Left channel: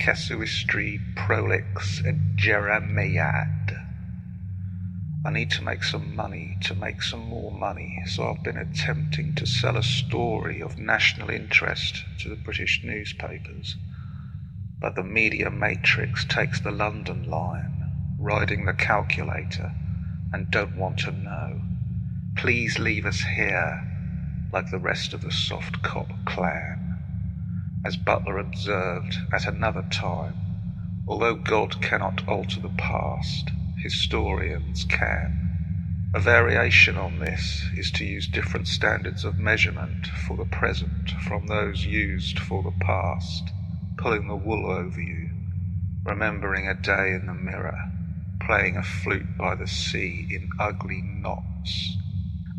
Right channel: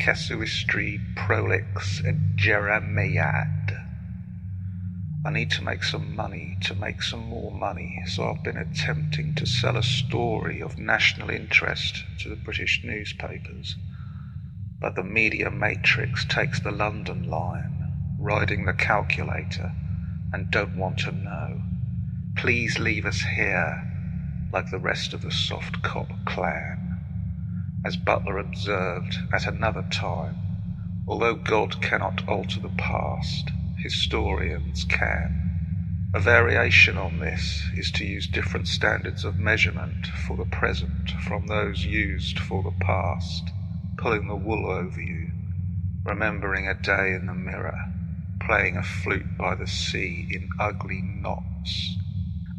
Casuistry Prolix Jeremiad. I need to make some money to make some more money, so I've been attempting to sell a story of national interest to the British newspapers. But the media matrix takes the London line, riding the calculator, and don't want to know. Please leave us here, like the rest of the soft cop clan. As Butler observed at another time, although God cannot alter the past, historians can. A variation on this is to use different standards of measurement for the present from those used for the past, pulling the wool over you, remembering a day in the mirror, playing a flute by the sea in ugly knots.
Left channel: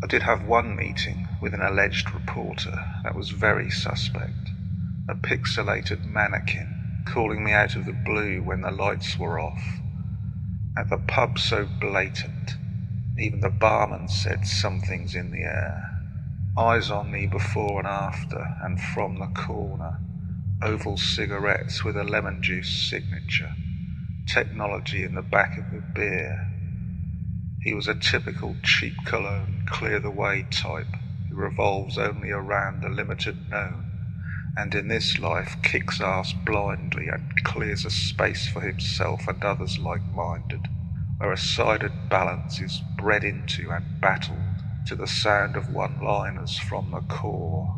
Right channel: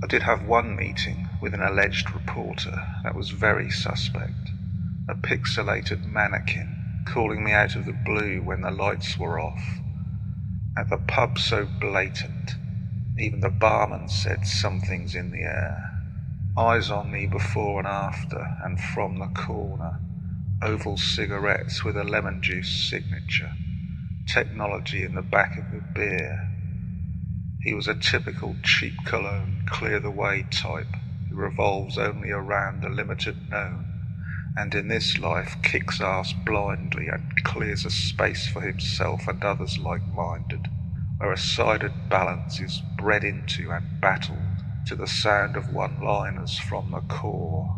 I did have one meeting with an alleged reporter that was very suspect. A pixelated mannequin calling me out of the blue when the lights were off. At the pub so blatant, even the barman said something's in the air. Eyes on me before and after, and from the corner. Oval cigarettes with a lemon juice signature. Technology in the back of the beer. He was a typical cheap cologne, clear-the-way type who revolves only around the limited known, and in this life kicks ass blindly and clears a space for himself and others like-minded, where a sided balance is bred into and battled to the sound of one-liners from the core.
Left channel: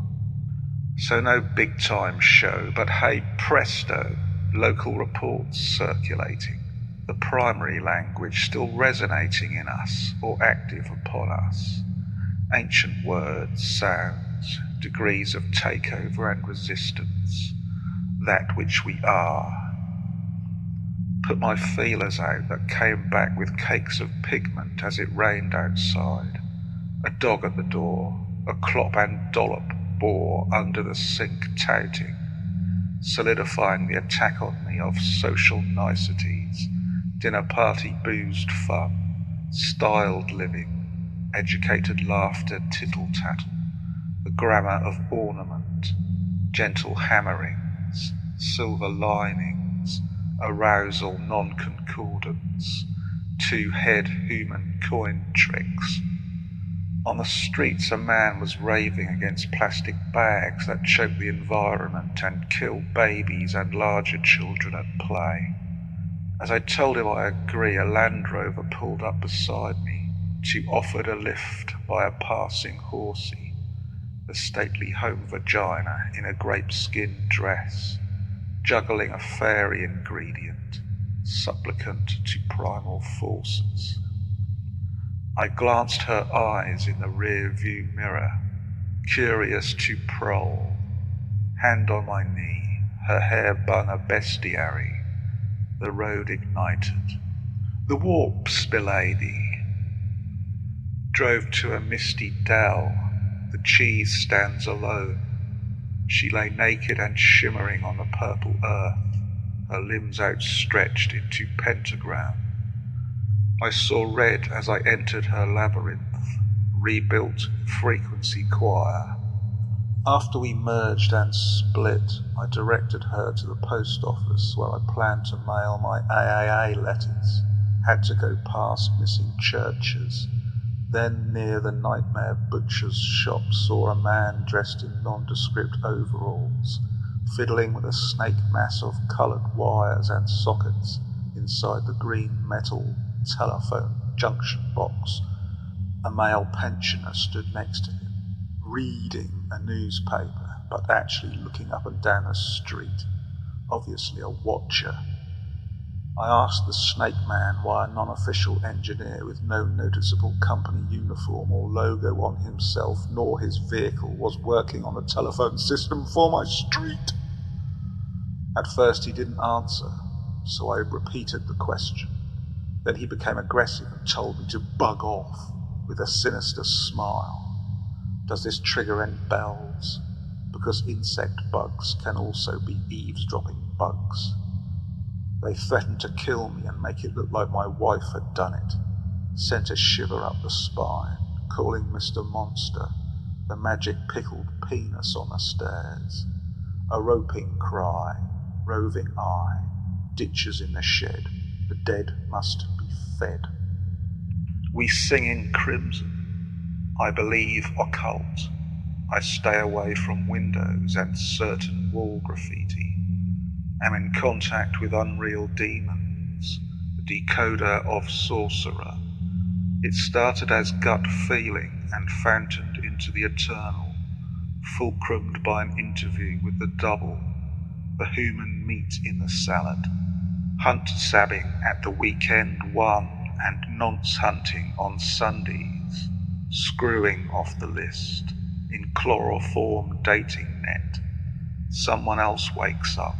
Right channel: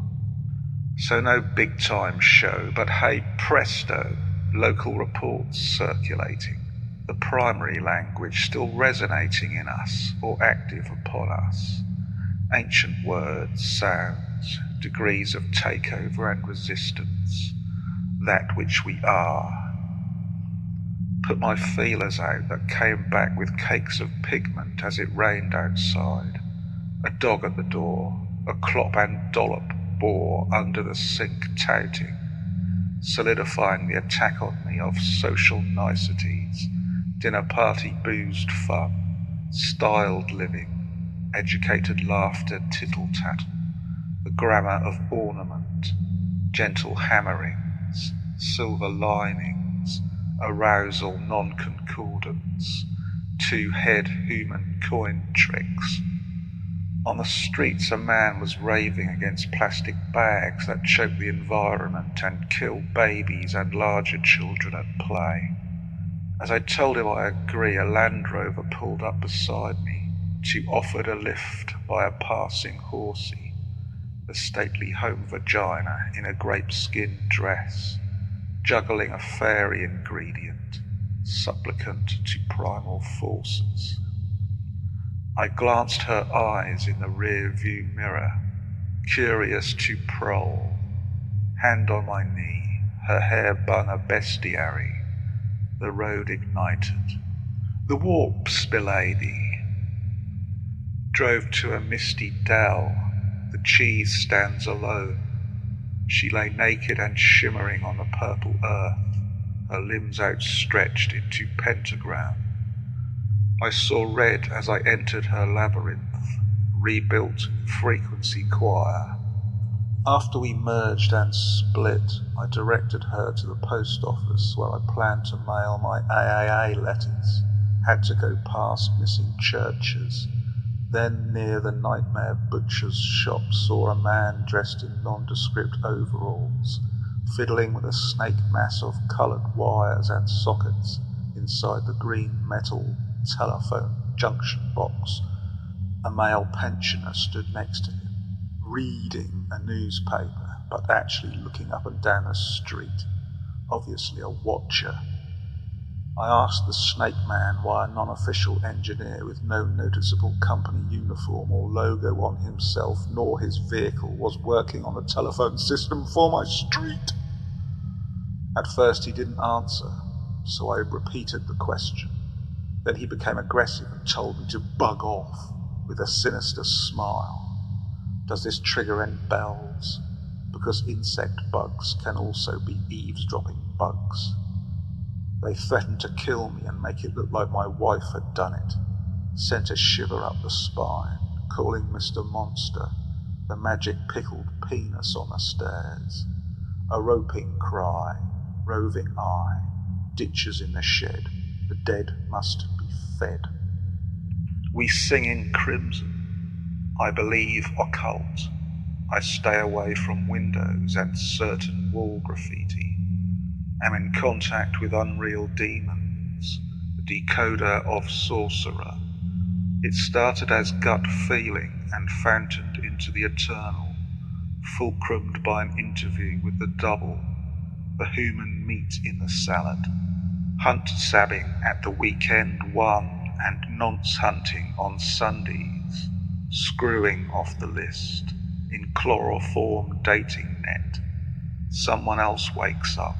So no big-time show, but hey presto, local reports circulating, the primary language still resonating in us or active upon us, ancient words, sounds, degrees of takeover and resistance, that which we are. Put my feelers out that came back with cakes of pigment as it rained outside. A dog at the door, a clop and dollop bore under the sink touting, solidifying the attack on me of social niceties, dinner party boozed fun, styled living, educated laughter tittle-tattle, the grammar of ornament, gentle hammerings, silver linings, arousal non-concordance, two-head human coin tricks. On the streets a man was raving against plastic bags that choke the environment and kill babies and larger children at play. As I told him I agree, a Land Rover pulled up beside me, to offered a lift by a passing horsey, the stately home vagina in a grape-skin dress, juggling a fairy ingredient, supplicant to primal forces. I glanced her eyes in the rear-view mirror, curious to prowl, hand on my knee, her hair bun a bestiary, the road ignited. The warps, belady. Drove to a misty dell, the cheese stands alone. She lay naked and shimmering on the purple earth, her limbs outstretched into pentagram. I saw red as I entered her labyrinth, rebuilt frequency choir. After we merged and split, I directed her to the post office where I planned to mail my AAA letters, had to go past missing churches. Then near the Nightmare Butcher's shop saw a man dressed in nondescript overalls, fiddling with a snake mass of coloured wires and sockets inside the green metal telephone junction box. A male pensioner stood next to him, reading a newspaper, but actually looking up and down the street, obviously a watcher. I asked the snake man why a non-official engineer with no noticeable company uniform or logo on himself nor his vehicle was working on the telephone system for my street. At first he didn't answer, so I repeated the question. Then he became aggressive and told me to bug off with a sinister smile. Does this trigger any bells? Because insect bugs can also be eavesdropping bugs. They threatened to kill me and make it look like my wife had done it. Sent a shiver up the spine, calling Mr. Monster the magic pickled penis on the stairs. A roping cry, roving eye, ditches in the shed, the dead must be fed. We sing in crimson, I believe occult, I stay away from windows and certain wall graffiti, am in contact with unreal demons, the decoder of sorcerer. It started as gut feeling and fountained into the eternal, fulcrumed by an interview with the double, the human meat in the salad, hunt sabbing at the weekend one and nonce hunting on Sundays, screwing off the list in chloroform dating net. Someone else wakes up,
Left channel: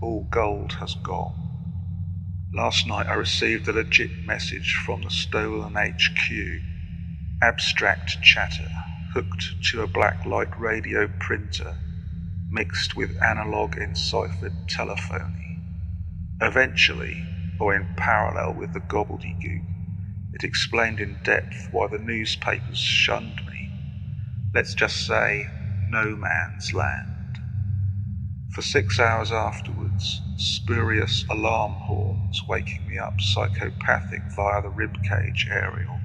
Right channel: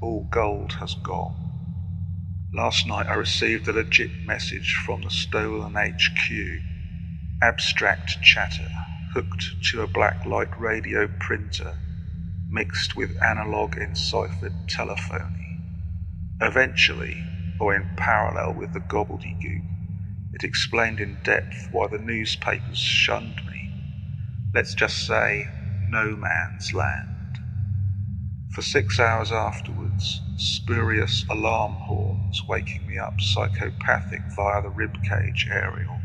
all gold has gone. Last night I received a legit message from the stolen HQ, abstract chatter hooked to a blacklight radio printer mixed with analog enciphered telephony. Eventually, or in parallel with the gobbledygook, it explained in depth why the newspapers shunned me. Let's just say, no man's land. For 6 hours afterwards, spurious alarm horns waking me up psychopathic via the ribcage aerial,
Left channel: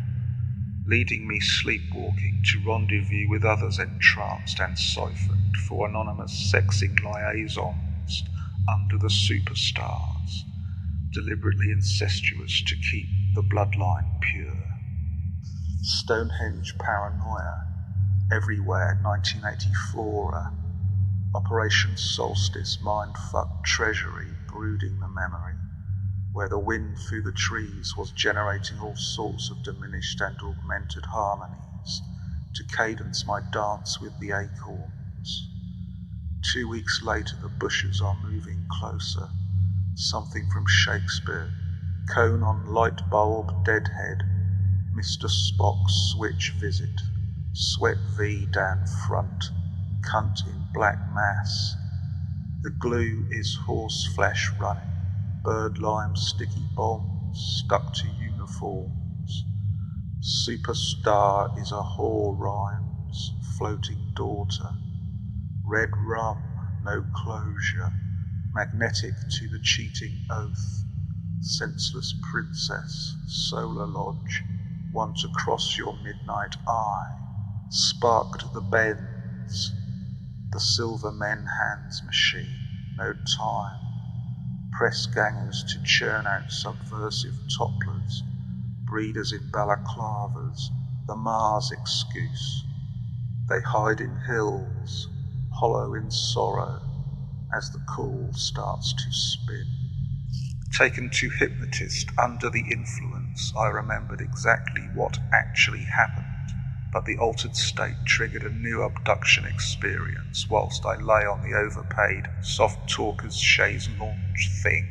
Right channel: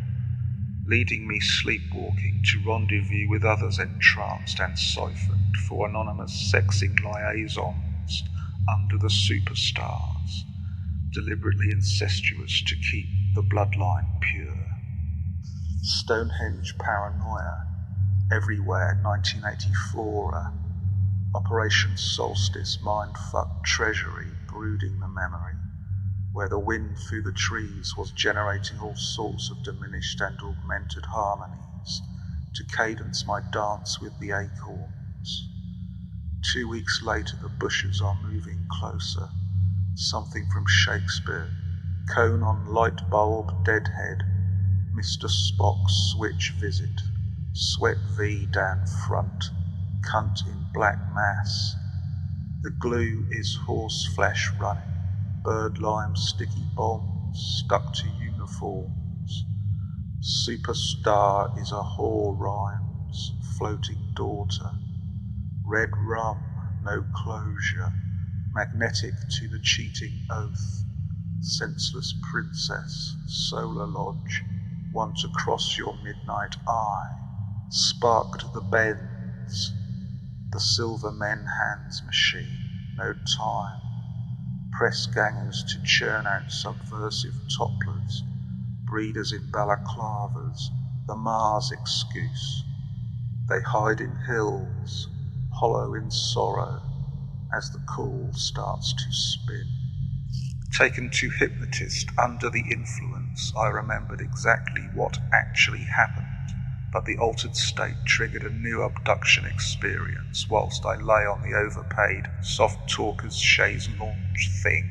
leading me sleepwalking to rendezvous with others entranced and siphoned for anonymous sexing liaisons under the superstars, deliberately incestuous to keep the bloodline pure. Stonehenge paranoia, everywhere 1984 Operation Solstice mindfuck treasury brooding the memory, where the wind through the trees was generating all sorts of diminished and augmented harmonies to cadence my dance with the acorns. 2 weeks later the bushes are moving closer, something from Shakespeare, cone on light bulb deadhead, Mr. Spock's switch visit, sweat V down front, cunt in black mass. The glue is horse flesh running, bird lime sticky bombs stuck to uniforms. Superstar is a whore rhymes, floating daughter. Red rum, no closure, magnetic to the cheating oath. Senseless princess, solar lodge, one to cross your midnight eye. Sparked the bends, the silver men hands machine, no time. Press gangers to churn out subversive topplers, breeders in balaclavas, the Mars excuse. They hide in hills, hollow in sorrow, as the call starts to spin. Taken to hypnotist under the influence, I remembered exactly what actually happened, but the altered state triggered a new abduction experience whilst I lay on the overpaid soft talkers chaise lounge thing,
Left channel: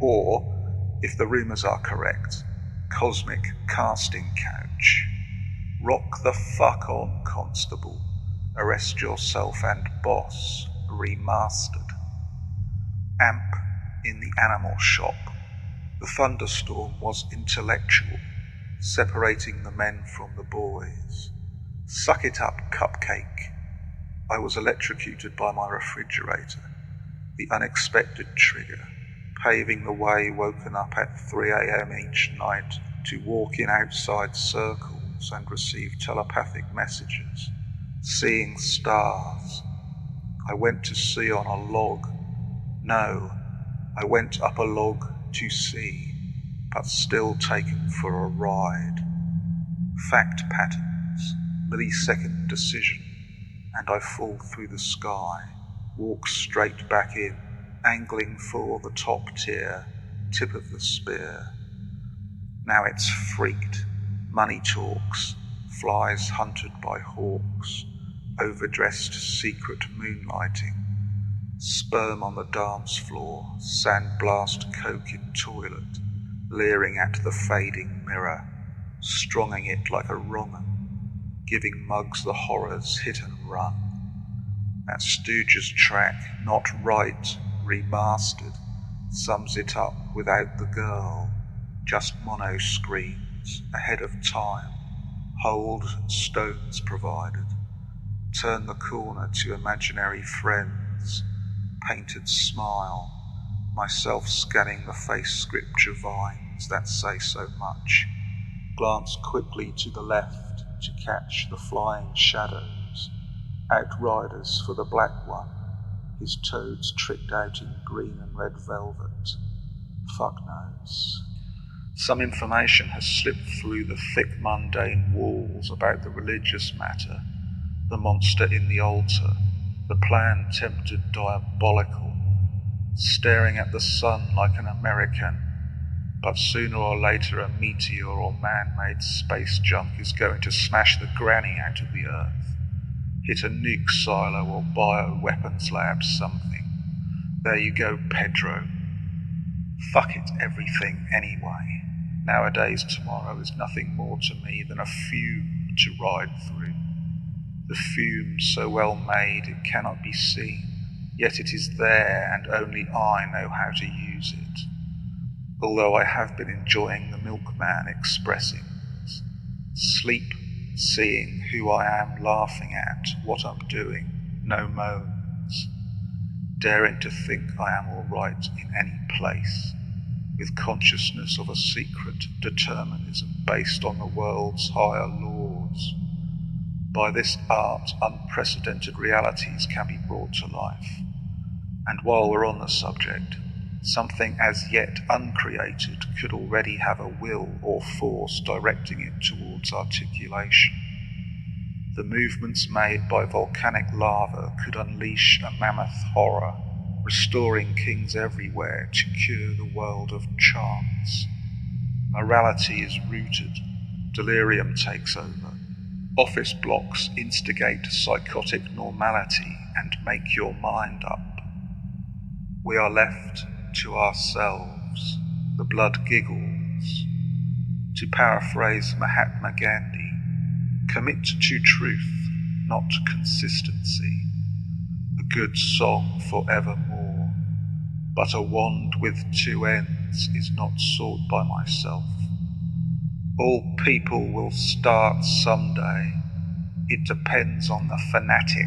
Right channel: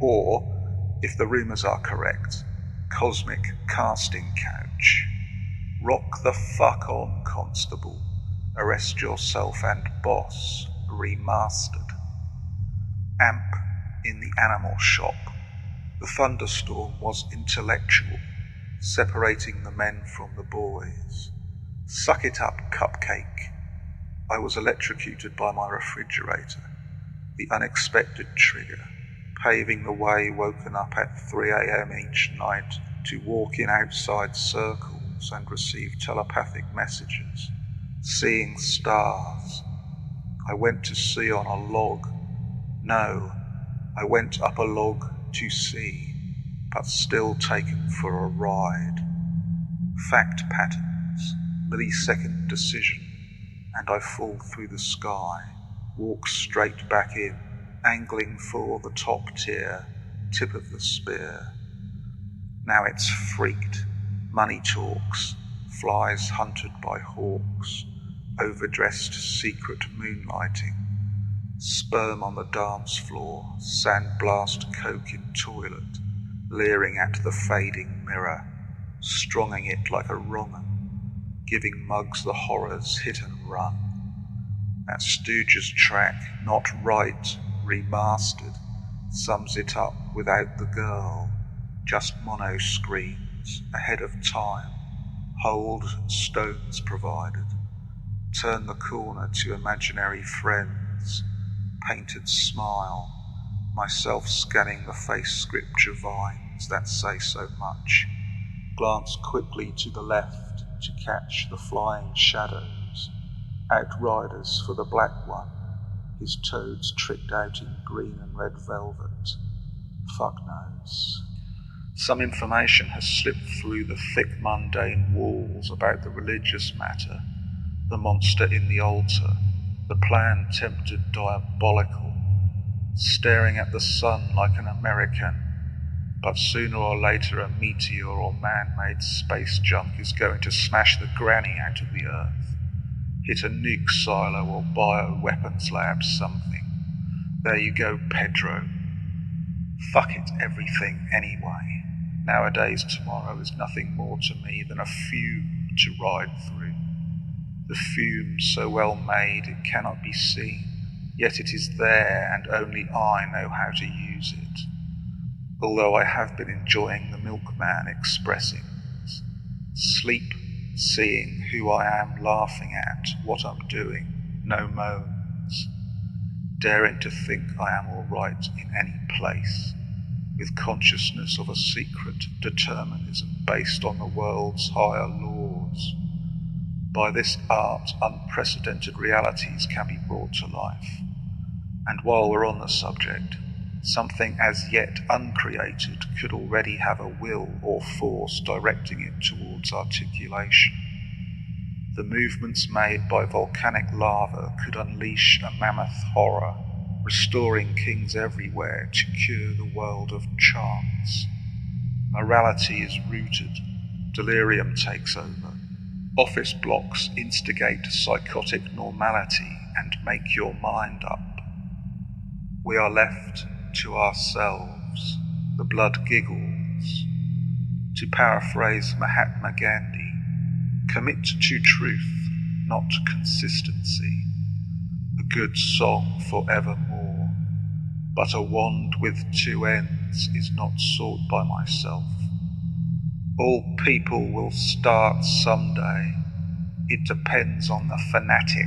or, if the rumours are correct, cosmic casting couch. Rock the fuck on, Constable. Arrest yourself and boss. Remastered. Amp in the animal shop. The thunderstorm was intellectual, separating the men from the boys. Suck it up, cupcake. I was electrocuted by my refrigerator, the unexpected trigger, paving the way, woken up at 3 a.m. each night to walk in outside circles and receive telepathic messages, seeing stars. I went to sea on a log. No, I went up a log to sea, but still taken for a ride. Fact patterns, millisecond decision, and I fall through the sky, walk straight back in, angling for the top tier, tip of the spear. Now it's freaked, money talks, flies hunted by hawks, overdressed secret moonlighting, sperm on the dance floor, sandblast coke in toilet, leering at the fading mirror, stronging it like a wrong 'un, giving mugs the horrors hit and run. That Stooges track, Not Right, remastered, sums it up without the girl, just mono screens, ahead of time, hold stones provided, turn the corner to imaginary friends, painted smile, myself scanning the face scripture vines that say so much, glance quickly to the left to catch the flying shadows, outriders for the black one, his toads tricked out in green and red velvet. Fuck knows. Some information has slipped through the thick mundane walls about the religious matter, the monster in the altar, the plan tempted diabolical, staring at the sun like an American, but sooner or later a meteor or man-made space junk is going to smash the granny out of the earth, hit a nuke silo or bioweapons lab something. There you go, Pedro. Fuck it, everything anyway. Nowadays tomorrow is nothing more to me than a fume to ride through. The fume so well made it cannot be seen, yet it is there and only I know how to use it. Although I have been enjoying the milkman expressings. Sleep, seeing who I am, laughing at what I'm doing, no moans. Daring to think I am all right in any place, with consciousness of a secret determinism based on the world's higher laws. By this art, unprecedented realities can be brought to life. And while we're on the subject, something as yet uncreated could already have a will or force directing it towards articulation. The movements made by volcanic lava could unleash a mammoth horror, restoring kings everywhere to cure the world of chance. Morality is rooted, delirium takes over. Office blocks instigate psychotic normality and make your mind up. We are left to ourselves, the blood giggles. To paraphrase Mahatma Gandhi, commit to truth, not consistency. A good song forevermore, but a wand with two ends is not sought by myself. All people will start someday. It depends on the fanatic.